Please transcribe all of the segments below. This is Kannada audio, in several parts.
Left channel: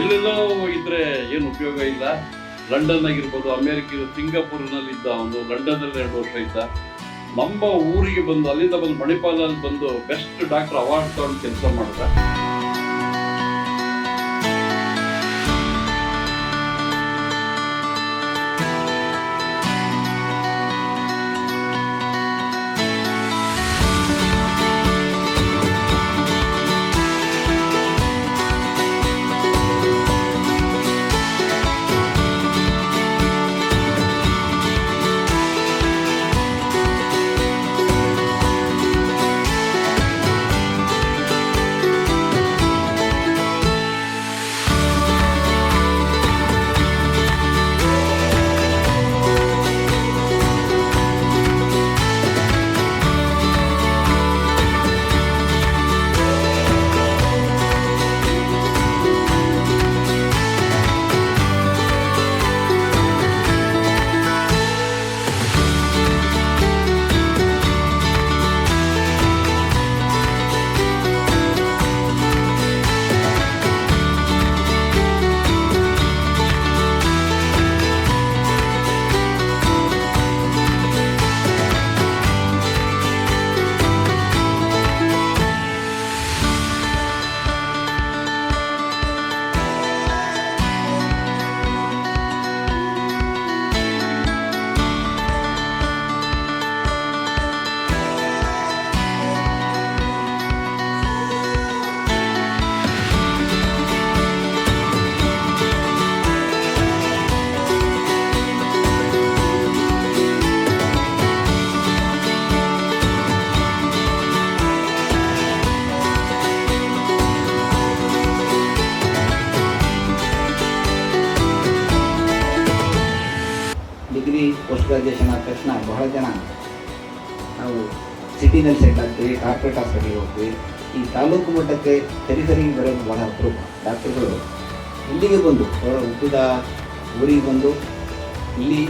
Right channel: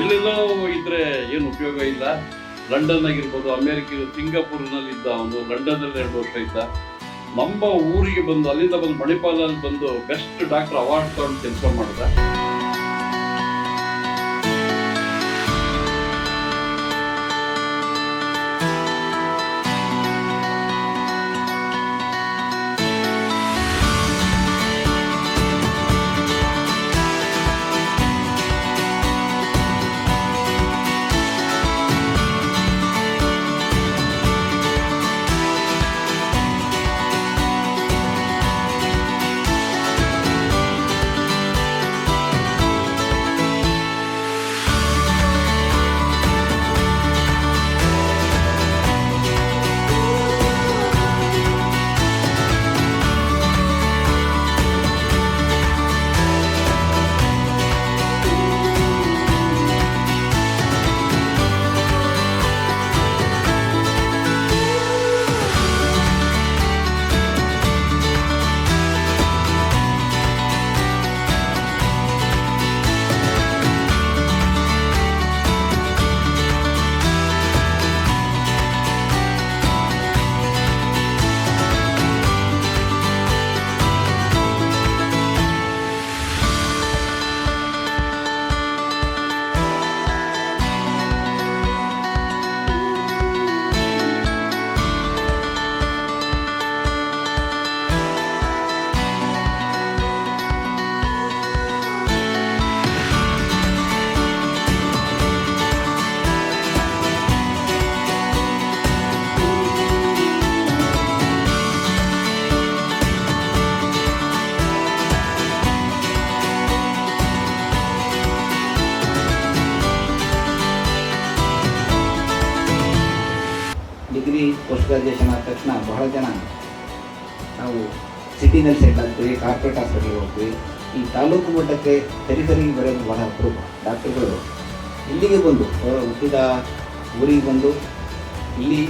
ಎಲ್ಲೆಲ್ಲೋ ಇದ್ರೆ ಏನು ಉಪಯೋಗ ಇಲ್ಲ. ಲಂಡನ್ ಆಗಿರ್ಬೋದು, ಅಮೇರಿಕ, ಸಿಂಗಾಪುರ್ನಲ್ಲಿ ಇದ್ದ ಅವನು, ಲಂಡನ್ನಲ್ಲಿ 2 ವರ್ಷ ಇದ್ದ. ನಮ್ಮ ಊರಿಗೆ ಬಂದು ಅಲ್ಲಿಂದ ಬಂದು ಮಣಿಪಾಲಲ್ಲಿ ಬಂದು ಬೆಸ್ಟ್ ಡಾಕ್ಟರ್ ಅವಾರ್ಡ್ ತಗೊಂಡು ಕೆಲಸ ಮಾಡ್ದ. ಡಿಗ್ರಿ ಪೋಸ್ಟ್ ಗ್ರಾಜುಯೇಷನ್ ಆದ ತಕ್ಷಣ ಬಹಳ ಜನ ನಾವು ಸಿಟಿನಲ್ಲಿ ಸೆಟ್ ಆಗ್ತೀವಿ, ಕಾರ್ಪೊರೇಟ್ ಹಾಸ್ಪಿಟಲ್ಗೆ ಹೋಗ್ತೀವಿ. ಈ ತಾಲೂಕು ಮಟ್ಟಕ್ಕೆ ಸರಿಗೆ ಬರೋದು ಬಹಳ ಅಪರೂಪ. ಡಾಕ್ಟರ್ಗಳು ಇಲ್ಲಿಗೆ ಬಂದು ಅವರ ಹುಟ್ಟಿದ ಊರಿಗೆ ಬಂದು ಇಲ್ಲಿ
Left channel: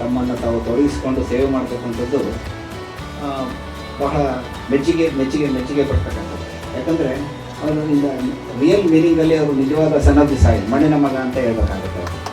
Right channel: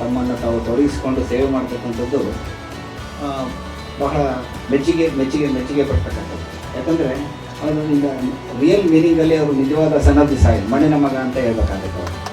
ತಮ್ಮನ್ನು ತಾವು ತೊಡಗಿಸ್ಕೊಂಡು ಸೇವೆ ಮಾಡ್ತಕ್ಕಂಥದ್ದು ಬಹಳ ಮೆಚ್ಚುಗೆ ಪಡ್ತಕ್ಕಂಥದ್ದು. ಯಾಕಂದರೆ ಅವರು ರಿಯಲ್ ಮೀನಿಂಗಲ್ಲಿ ಅವರು ನಿಜವಾದ ಸನ್ ಆಫ್ ದಿ ಸಾಯಿಲ್, ಮಣ್ಣಿನ ಮಗ ಅಂತ ಹೇಳ್ಬೇಕಾಗುತ್ತೆ ಅವರು.